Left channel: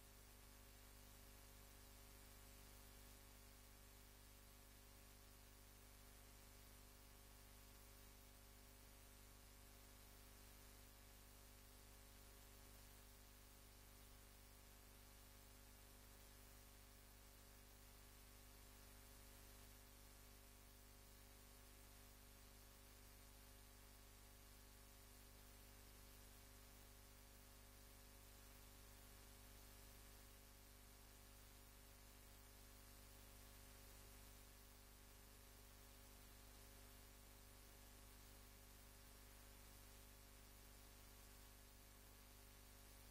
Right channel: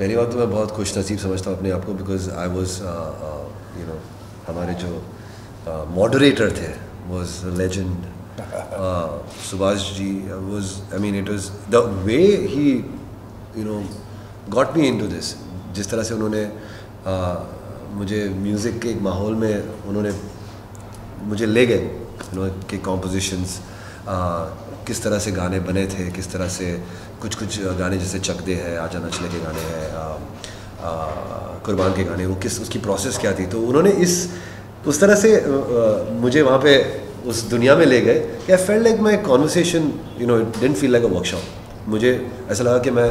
पहली बात तो मैं बहुत खुश नसीब समझता हूँ अपने आप को, बिकॉज आई वॉज हमारे जो मॉडरेटर थे was legend Subhash ji. Was I mean it was the way he got me into this. जिस तरह से उन्होंने मुझे म्यूज़िक के एक माहौल में उन्होंने मुझे ले गए कि कॉम्पोजिशंस किस तरह से गाने बने थे, किस तरह से कुछ गाने जैसे चक दे है, आजा नचले के गाने हैं, कुर्बान के गाने, वो किस उसकी प्रोसेस क्या थी. तो उन्होंने उस तरह से मुझे वहाँ पे उस दुनिया में ले गए कि आई felt like my conversation it didn't feel like a workshop. मुझे ऐसा लगा कि मैं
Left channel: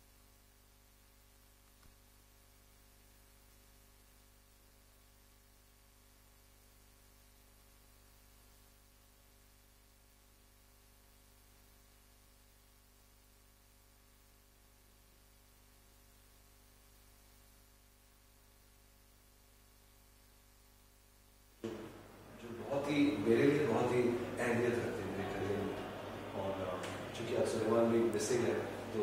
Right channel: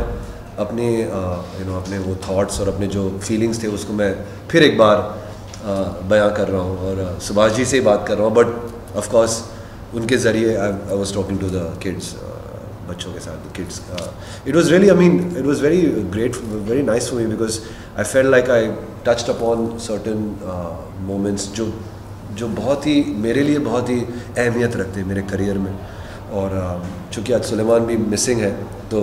अपनी अपने वो थॉट्स और अपने जो फीलिंग्स थे उसको मैं फिर एक बार बयां कर रहा हूँ और सुभाष जी से ही बात कर रहा हूँ. बट ऑफ कोर्स उनके ज़रिए I was talking to the kids, बच्चों के साथ kids. It was really, I mean it was very great, very nice for me, because I felt like I touched upon certain moments जो बहुत ही मेरे लिए बहुत ही अहमियत रखते हैं मेरे करियर में. और चूँकि आज सुलेमान भी मिसिंग है तो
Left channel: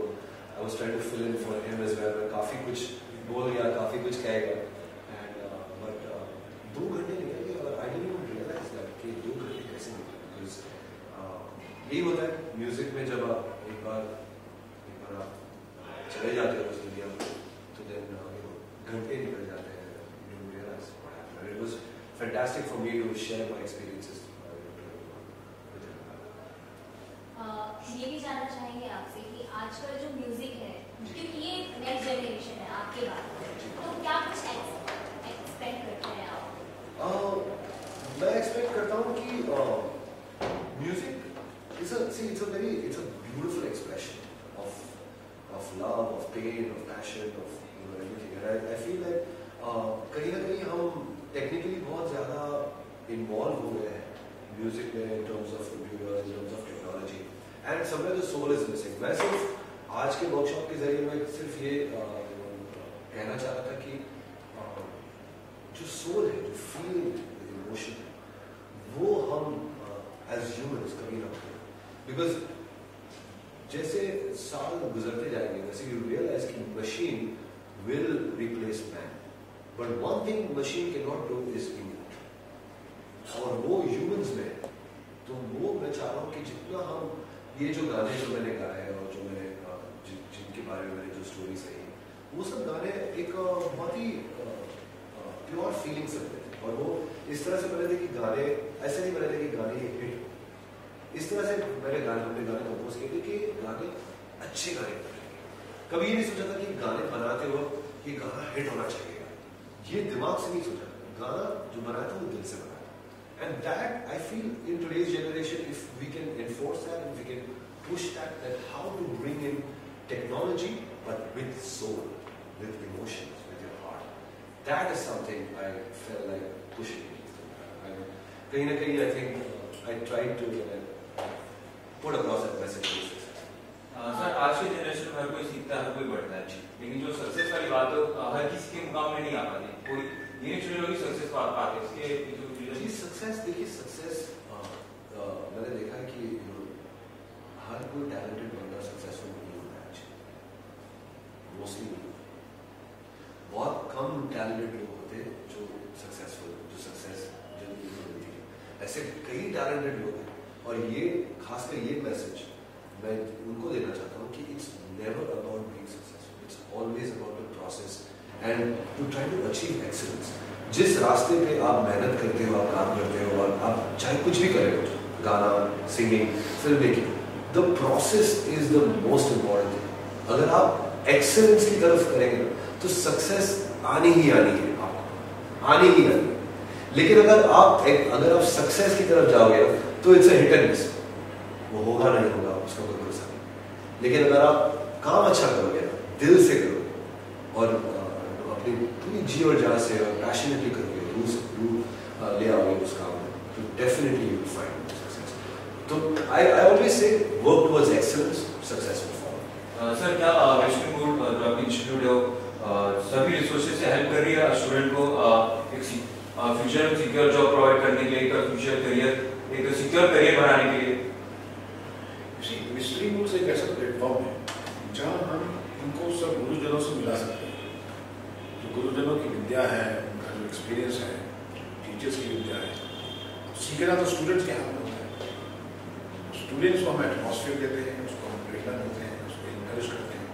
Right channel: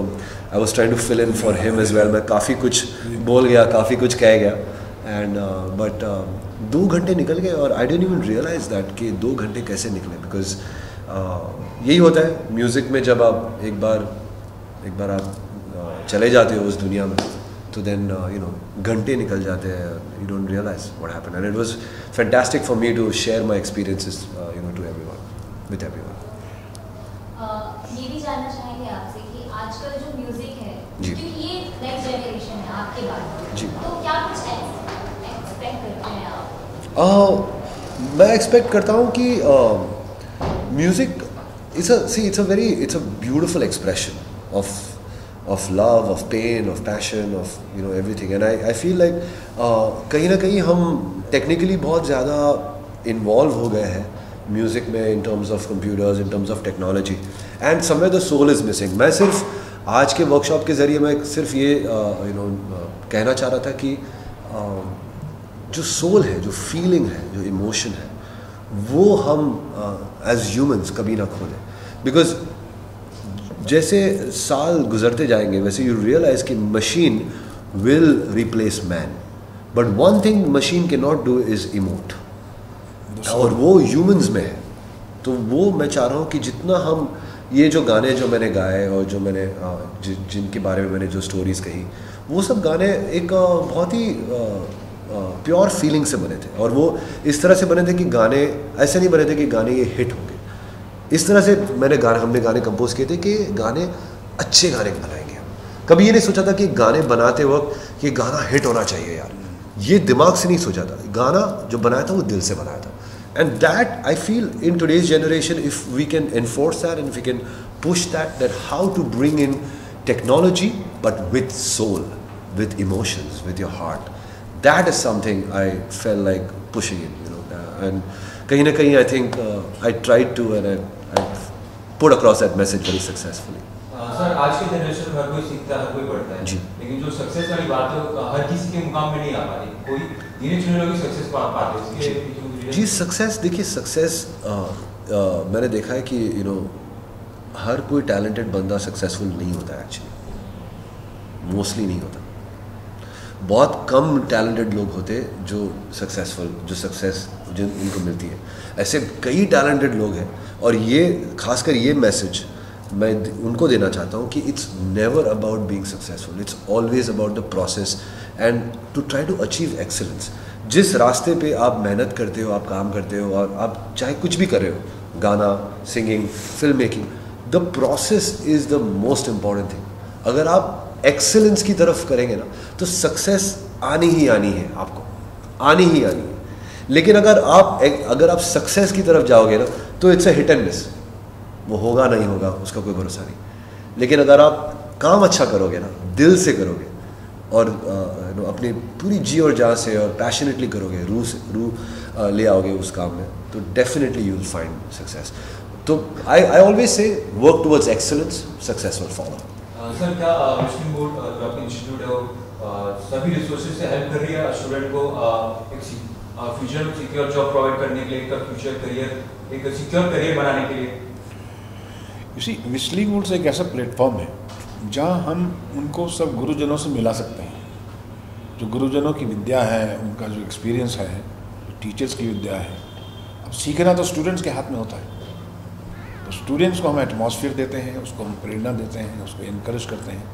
I was trying to fill in for him as well. मैं काफ़ी कुछ बोल गया, काफ़ी कुछ कह गया, एंड बट 2 घंटे निकल गए और I didn't even realise that कि 2 घंटे कैसे निकले. बिकॉज यही होता है म्यूज़िक में, जब आप एक बार आप चले जाते हो उस दुनिया में तो देन घंटे निकल जाते हैं, you don't realise what happened. And it was fantastic for me to share my experiences to everyone, with everyone. ये भी जानना चाहेंगे आपसे कि आजकल जो म्यूजिक है, जी. क्योंकि ये नेक्स्ट जनरेशन है आपके बाद, जी. तो क्या कुछ एक्सपेक्ट करते हैं आप? मैं एक्सपेक्ट करता हूँ कि music it's a beautiful expression of love, of pain, of passion, of everything. And I feel like कहीं ना कहीं हम टेक्निकली बहुत ज़्यादा इन्वॉल्व हो गए हैं म्यूज़िक में, in terms of computers, in terms of technology, and somewhere the soul is missing. मैं सिर्फ आज के वर्कशॉप के ज़रिए मैं सिर्फ ये कहना चाह रहा था कि जो सोल है, जो फीलिंग है, जो इमोशन है, वो हम एज ह्यूमंस कभी ना खोलें. बिकॉज जैसे साल गुजरते जाएंगे वैसे यू रियलाइज कि machine will replace man, but one thing machine can not do is emote, और वो ह्यूमंस में है. तो वो मैं चाह रहा हूँ कि जितना हम ये जो गाने जो मैंने गाए और जो मैंने जिनके बारे में मैंने जो स्टोरीज़ कही, वो सब गाने एक बहुत ही प्योर फीलिंग से बने थे. और वो इस तरह से बने थे कि गाने ऐसे नहीं बने थे कि गाने ये हिट होंगे. इस तरह से हमने गाने कंपोज किए थे कि गाने अच्छे गाने बनाएंगे. कभी ये नहीं सोचा था कि गाने बनाते वक्त ये गाना हिट होना चाहिए यार, ये दिमाग से नहीं सोचा था. गाना जो बनाया था वो दिल से बनाया था. And that I feel in today's generation, if we can enforce that and we can push that how to bring in technology but with soul, with emotions, with your heart. That is something I felt like pushing in, and kahin na kahin I think I tried to, and I put across that message very successfully. Sir, आज के generation में हर कोई सीखता है, हर कोई बढ़ता है, जी. लेकिन जो सक्सेस वाली बात है वो हर किसी के मुकाम में नहीं आ पाती. कोई गिने चुने लोग सक्सेस पा पाते हैं. जी, सक्सेस देखिए, सक्सेस मैंने देखा है कि हर कोई टैलेंटेड बंदा सक्सेसफुल नहीं होता एक्चुअली, मोस्टली नहीं होता. बहुत कम टैलेंटेड लोग होते जो सक्सेसफुल, जो सक्सेस जिन उनको मिलती है. ऐसे कई टैलेंटेड लोग हैं, और ये खासकर ये मैसेज मैं उनको देना चाहता हूँ कि it's never about being successful, it's always about the process and to try to achieve excellence. जिस रास्ते पे आप मेहनत करते हो, आप काम करते हो, और आप चाहे कुछ भी कर रहे हो, गाना, singing, film making, the process is the most important thing. अगर आप एक्सेलेंस की तरफ करेंगे ना तो सक्सेस आनी ही आनी है, आपको आनी ही आनी है. लेकिन अगर आप सक्सेस की तरफ जाओगे ना तो it's a hit and miss, वो होगा नहीं होगा उसका कोई भरोसा नहीं. लेकिन अगर आप काम अच्छा करोगे ना, दिल से करोगे, और अपनी पूरी जी और जान से और पैशनेटली करोगे, रूह ले आओगे उस काम में, तो definitely you will find success. तो I always say work towards excellence, success will follow. Sir, क्या मिशन मूड जो आपका इंस्टीट्यूट है वो सभी रिसोर्सेज से हेल्प कर रही है स्टूडेंट को एक फ्यूचर सिक्योर जॉब प्रोवाइड करने के लिए, एक सिक्योर करियर बनाने के लिए? मिशलिंग मूड्स एक ऐसा प्लेटफॉर्म है जहां हम उनको सब गुरुजनों से मिला सकते हैं. जो गुरुजनों की विद्या है, उनका जो एक्सपीरियंस है, टीचर्स की विद्या है, अब सीखना तो स्टूडेंट्स के हाथ में होता है। तो स्टूडेंट्स को हम एटमॉस्फेयर देते हैं, उसको हम प्रेरणा देते हैं, उसको इनकरेज करते हैं,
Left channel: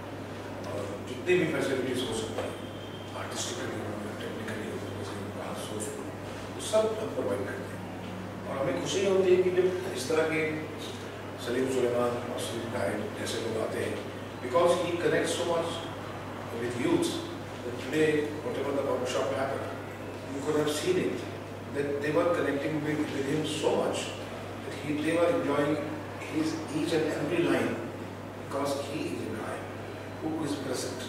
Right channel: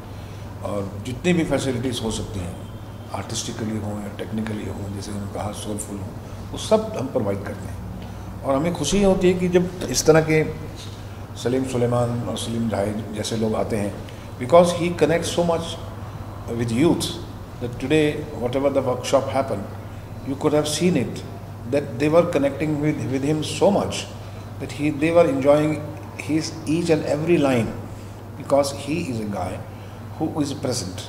और जितनी भी फैसिलिटीज़ हो सकती हैं, आर्टिस्टिकली हो या टेक्निकली हो, जैसे मैंने कहा सोलफुल हो, वो सब हम प्रोवाइड करते हैं। और हमें खुशी होती है कि जब इस तरह के सलीम सुलेमान और सलीम जाहिद जैसे लोग आते हैं, because he connect so much with youth that today whatever the workshop happened, you could have seen it, that they were connecting with him so much that they were enjoying his each and every line, because he is a guy who is present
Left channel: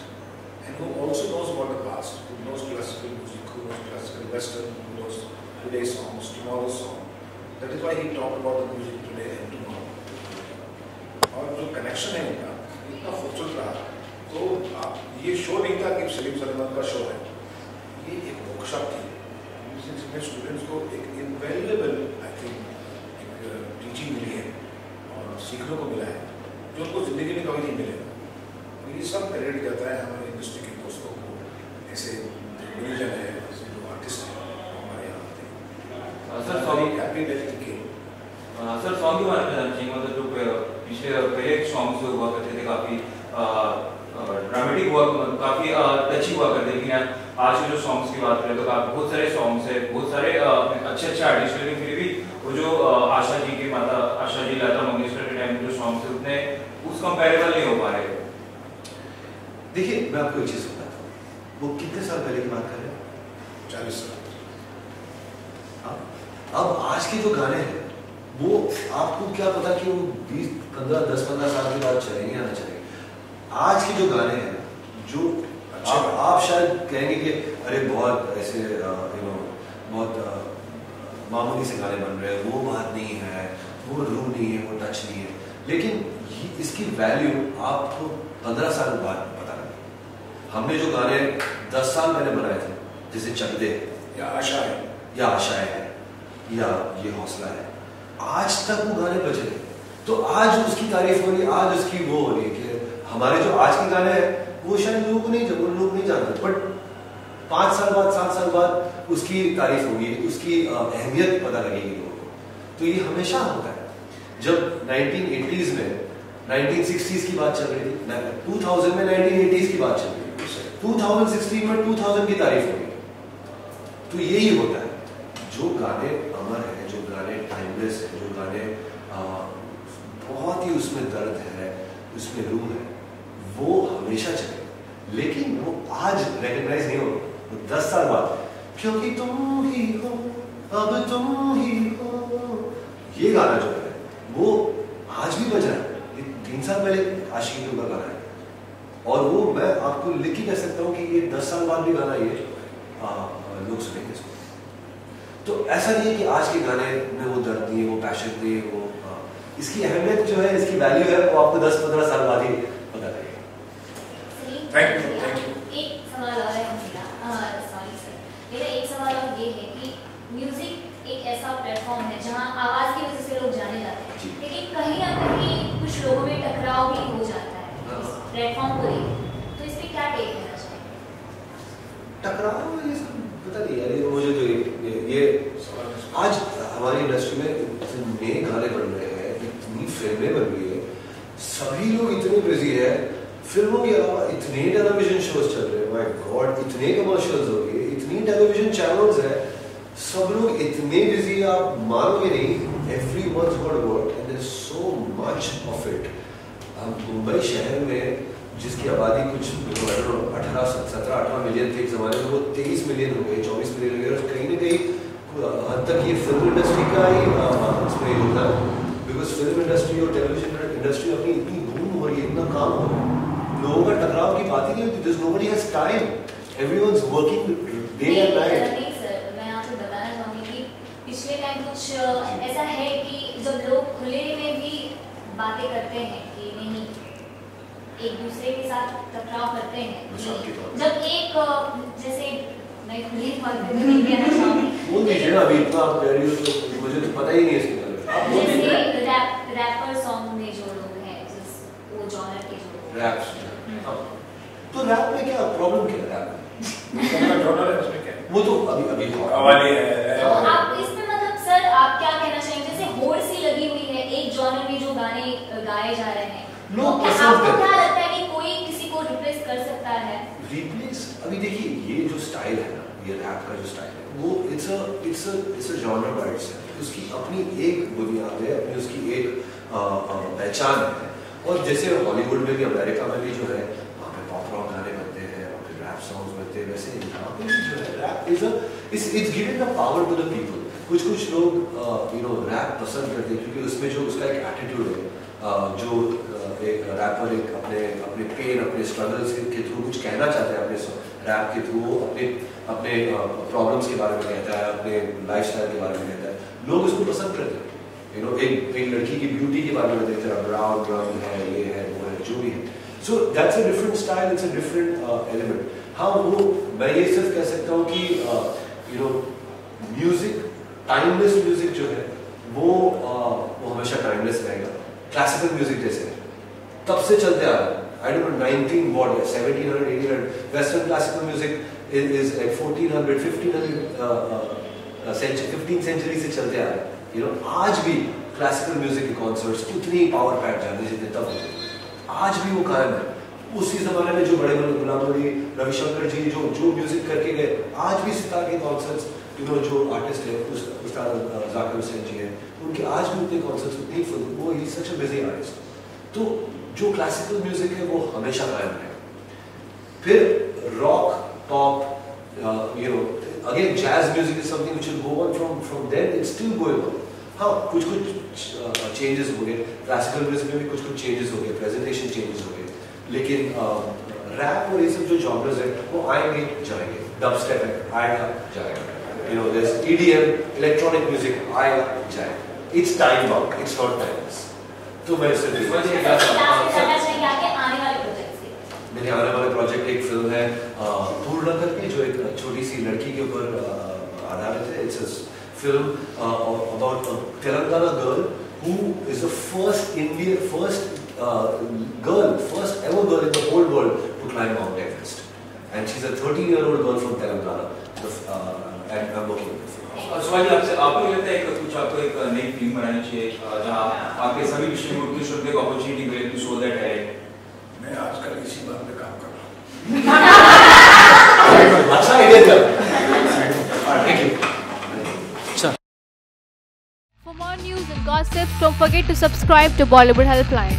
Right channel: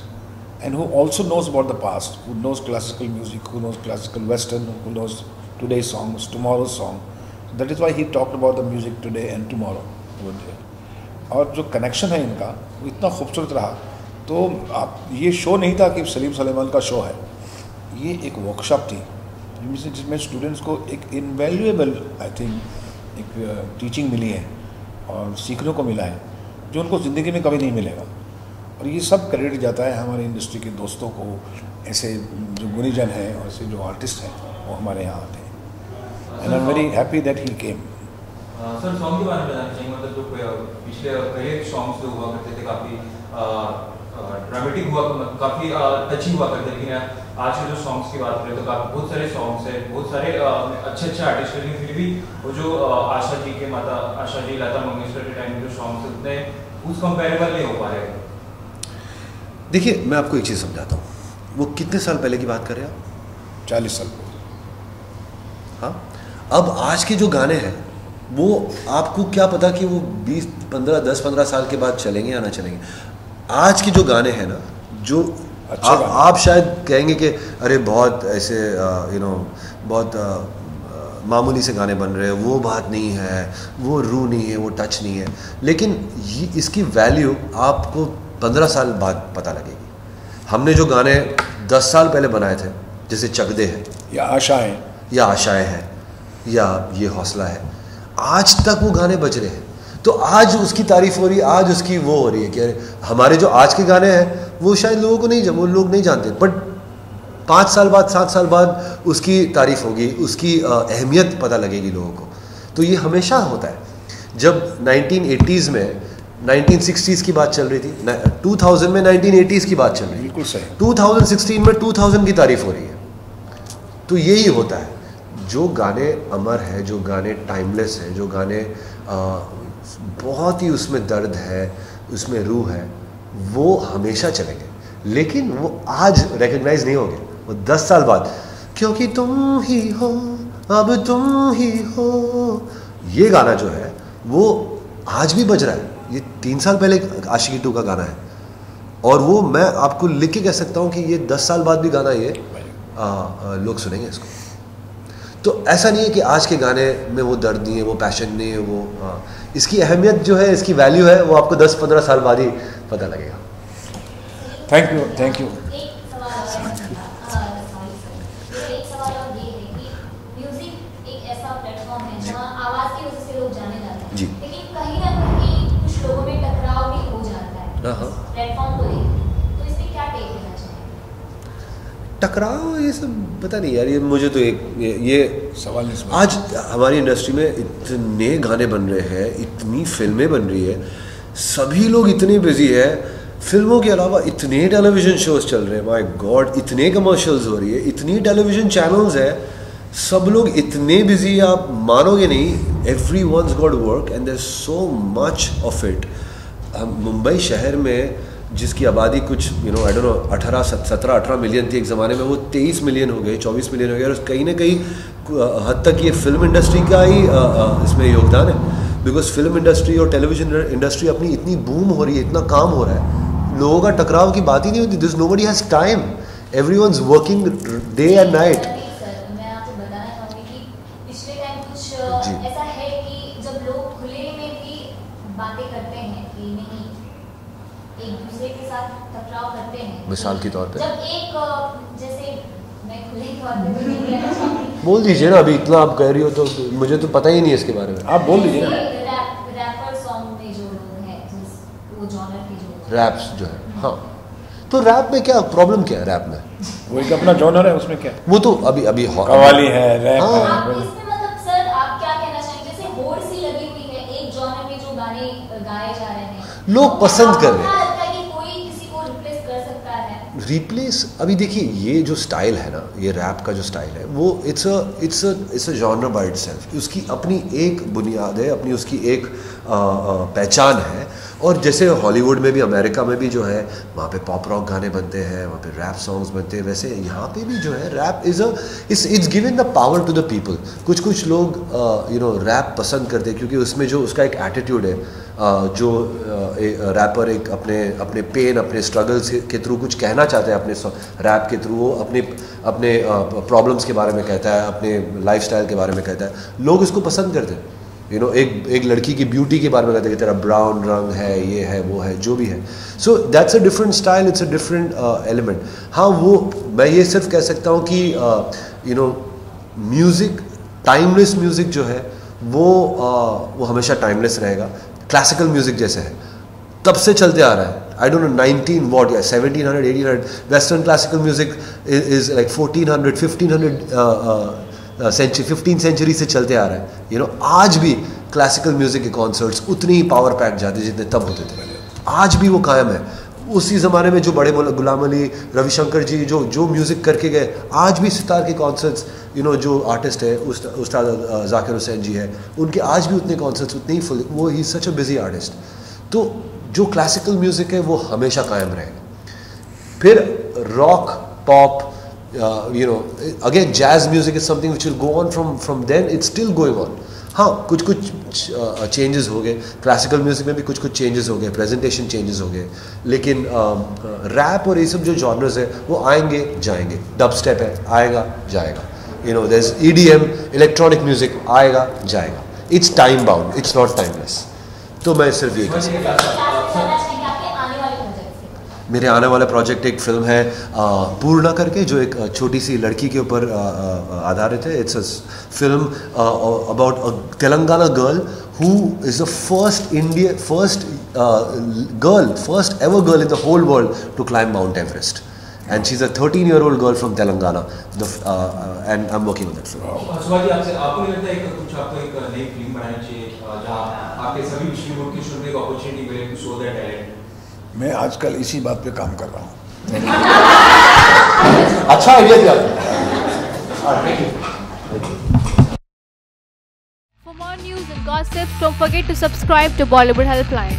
and who also knows about the past, who knows classical music, who knows classical western, who knows today's songs, tomorrow's song. That is why he talked about the music today and tomorrow. और जो connection है इनका इतना खूबसूरत रहा। तो आप ये शो नहीं था कि सलीम सुलेमान का शो है, ये एक वर्कशॉप थी जिसमें स्टूडेंट्स को एक इनवैल्यूएबल आई थिंक एक टीचिंग मिली है और सीखने को मिला है, जो उनको ज़िंदगी में कभी नहीं मिलेगा। और ये सब क्रेडिट जाता है हमारी इंडस्ट्री के दोस्तों को, ऐसे जो गुनीजन है और ऐसे जो आर्टिस्ट हैं वो हमारे यहाँ आते हैं। And I am very happy that he came. Sir song के बारे में जानना चाहिए, मतलब जो पिछले पहले सॉन्ग्स जो हुआ करते थे काफ़ी ड्रामेटिक हुआ, काफ़ी टची हुआ करते, लेकिन आज के जो सॉन्ग्स की बात करें तो बहुत सारे सॉन्ग्स हैं, बहुत सारे अच्छे आर्टिस्ट हैं, लेकिन फिर भी वो जो आशा जी के माता आशा जी लता मंगेशकर के टाइम में जो सॉन्ग्स थे उतने उस कंपेरेबल नहीं हो पा रहे। देखिए मैं आपको एक चीज़ समझाता हूँ, वो कितने साल पहले की बात कर रहे हैं आप? 40 साल। हाँ, अब आज के जो गाने हैं वो आपको क्या पता कि वो 10-15 साल के बाद चलेंगे या ना चलेंगे। आज के जो गाने हैं ना, जो आप शायद कहेंगे कि अरे बहुत ऐसे बहुत मामूली से गाने बन रहे हैं, वो बात नहीं है, वो रूह नहीं है, वो टच नहीं है, लेकिन इसकी वैल्यू आपको 15 साल बाद पता लगेगी। हमने जो गाने 10 साल पहले बनाए थे, जैसे चक दे है या आशाएं हैं या ये हौसला है, आज तक वो गाने बज रहे हैं। तो आज उसकी तारीफ हो रही है, आज उसकी वो हो रही है कि हमारे जो आज के गाने हैं वो शायद लोगों को वो लोग नहीं जानते, बट 5 साल बाद 7 साल बाद उसकी तारीफ होगी, उसकी अहमियत पता लगेगी लोगों को। तो ये हमेशा होता है। जब 1980s में 1960s की बात चल रही थी, 2000 में 1980s की बात चल रही बिल्कुल सही, 2016 में 2000 की तारीफ हो रही है। तो यही होता है, जो गाने अमर है, जो गाने टाइमलेस है, जो गाने बहुत ही उसमें दर्द है, उसमें रूह है, वो हमेशा चलेंगे। लेकिन वो आज रिकग्नाइज नहीं होंगे, वो 10 साल बाद क्योंकि तुम ही हो अब तुम ही हो, ये गाना जो है वो आज भी बज रहा है। ये 3 साल पहले आशिकी 2 का गाना है, और वो मैं आपको लिख के कह सकता हूँ कि ये 10 साल बाद भी गाना ये लोग सुनेंगे इसको। तो ऐसा नहीं है कि आज के गाने में वो दर्द नहीं है, वो पैशन नहीं है, वो इसकी अहमियत जो है, इसकी वैल्यू है, वो आपको 10-15 साल बाद ही पता लगेगा। Thank you. एक सवाल और है मेरा एक सवाल और ये है कि म्यूजिक एक ऐसा प्लेटफॉर्म है जहाँ आवाज़ की वजह से लोग जाने जाते हैं, लेकिन कहीं ना कहीं कुछ लोगों में टकराव भी हो जाता है प्लेटफॉर्म को लेकर, तो इस पर क्या टेक देना चाहिए? टकराव ये सब पता नहीं यार, ये मुझे तो ये सवाल आज हमारी इंडस्ट्री में इतने गाने बन रहे हैं, इतनी फिल्में बन रही है, सभी लोग इतने बिजी है, फिल्मों के अलावा इतने टेलीविज़न शोज चल रहे हैं, माय गॉड, इतने कमर्शियल्स हो रही है, इतनी टेलीविज़न चैनल्स है, सब लोग इतने बिजी, आप मानोगे नहीं, everyone's got work and there so much of it. Mumbai शहर में जिसकी आबादी कुछ आई डोंट नो 17-18 मिलियन थी एक ज़माने में, वो 23 मिलियन हो गए, 24 मिलियन हो गए, और कहीं ना कहीं हद तक ये फिल्म इंडस्ट्री का ही इसमें योगदान है, बिकॉज फिल्म इंडस्ट्री और टेलीविज़न इंडस्ट्री अपनी इतनी बूम हो रही है, इतना काम हो रहा है, लोगों का टकराव की बात ही नहीं होती। This nobody has time, everyone's working day and night. मैं आपको बताना चाहूँगी कि पिछले टाइम कुछ ऐसा है कि जब लोग खुले में भी बातें करते हैं कि नहीं, एक दूसरे के साथ टकराव करते हैं, मिसाल के तौर पे जब एक जैसे मैं खुले बात में नहीं कहना चाहूँगी, बोल दीजिए ना, अभी इतना आप कह रही हो तो मुझे तो पता ही नहीं है इसके बारे में, आप बोल दीजिए। रैपर सॉन्ग में जो लोग हैं, वो जॉनर के जो रैप्स जो है, हाँ, तो रैप में क्या प्रॉब्लम, क्या है रैप में? वो एक अपना जॉनर है, उसमें क्या है? वो तो अभी कव्वाली है, रैप हाँ। है। आप इसमें मतलब सर आप क्या कहना चाहेंगे, जैसे होड़ सी लगी हुई है एक जॉनर में जो गाने गाए जा रहे हैं, लोग पसंद कर रहे हैं। क्या लगता है कि कोई किसी को रिप्लेस कर सकता है? रिप्लेस, अभी देखिए ये जो स्टाइल है ना, ये रैप का जो स्टाइल है वो it's a genre by itself. उसकी अपनी एक बुनियाद है, अपनी उसकी एक पहचान है। और जैसे हॉलीवुड में भी, अमेरिका में भी जो है वहाँ पे पॉप रॉक गाने बनते हैं, वहाँ पे रैप सॉन्ग्स बनते हैं, वैसे यहाँ पे भी जो है rap it's giving the power to the people. कुछ लोग रैप पसंद करते हैं क्योंकि उसमें जो उसका एक एटीट्यूड है, जो रैपर एक अपने पेन, अपने स्ट्रगल के थ्रू कुछ कहना चाहते हैं, अपने रैप के थ्रू वो अपने प्रॉब्लम्स के बारे में कहता है, अपने लाइफस्टाइल के बारे में कहता है, लोग इसको पसंद करते हैं। एक लड़की की ब्यूटी के बारे में कहते हैं, तेरा ब्राउन रंग है, ये है, वो है, जो भी है। So that's a different style, it's a different element. हाँ, वो मैं ये सिर्फ कह सकता हूँ कि म्यूज़िक, टाइमलेस म्यूज़िक जो है वो हमेशा टाइमलेस रहेगा। क्लासिकल म्यूज़िक जैसे है तब से चलते आ रहा है, I don't know 1700 1800 western classical music is like 1400 1500 15th century से चलते आ रहा है। आज भी क्लासिकल म्यूज़िक के कॉन्सर्ट्स उतनी ही पावर पैक जाते जितने तब होते थे, आज भी वो कायम है। उसी ज़माने में जो बड़े गुलाम अली, रविशंकर जी जो म्यूज़िक करके गए, आज भी सितार के कॉन्सर्ट्स, जो आर्टिस्ट है उस्ताद जाकिर हुसैन जी है, उनके आज भी उतने कॉन्सर्ट्स, उतने ही फुल, वो ही सच अ बिजी आर्टिस्ट। तो जो क्लासिकल म्यूज़िक है वो हमेशा कायम रहेगा। फिर rock, pop, again jazz music is something which will go on from then, it's still going on। हाँ, कुछ चेंजेस हो गए, क्लासिकल म्यूज़िक में भी कुछ चेंजेस हो गए, प्रेजेंटेशन चेंजेस हो गए, लेकिन रैप और ये सब जो जॉनर्स है वो आएंगे जाएंगे। डब स्टेप है, आएगा जाएगा, there is EDM, electronic music, आएगा जाएगा। It's time bound, it's not timeless. तो मैं सिर्फ ये मेरे आने वाला प्रोजेक्ट एक फिल्म है पूर्णा करके, जो एक छोटी सी लड़की के ऊपर आधारित है। It's a film about a Telangana girl who is the first ever girl in the whole world to climb Mount Everest, and she's a 13-year-old girl from Telangana, and I'm working on it. Subhash ji, आपको नहीं लगता है कुछ आपको एक नई film बनानी चाहिए जहाँ आपके सभी विषय के स्टूडेंट को एक अपॉर्चुनिटी मिले टू शो देयर टैलेंट? मैं आजकल इसी बात पे काम कर रहा हूँ। अच्छा आइडिया दिया। Thank you. For more news and gossip, don't forget to subscribe to Bollywood Helpline.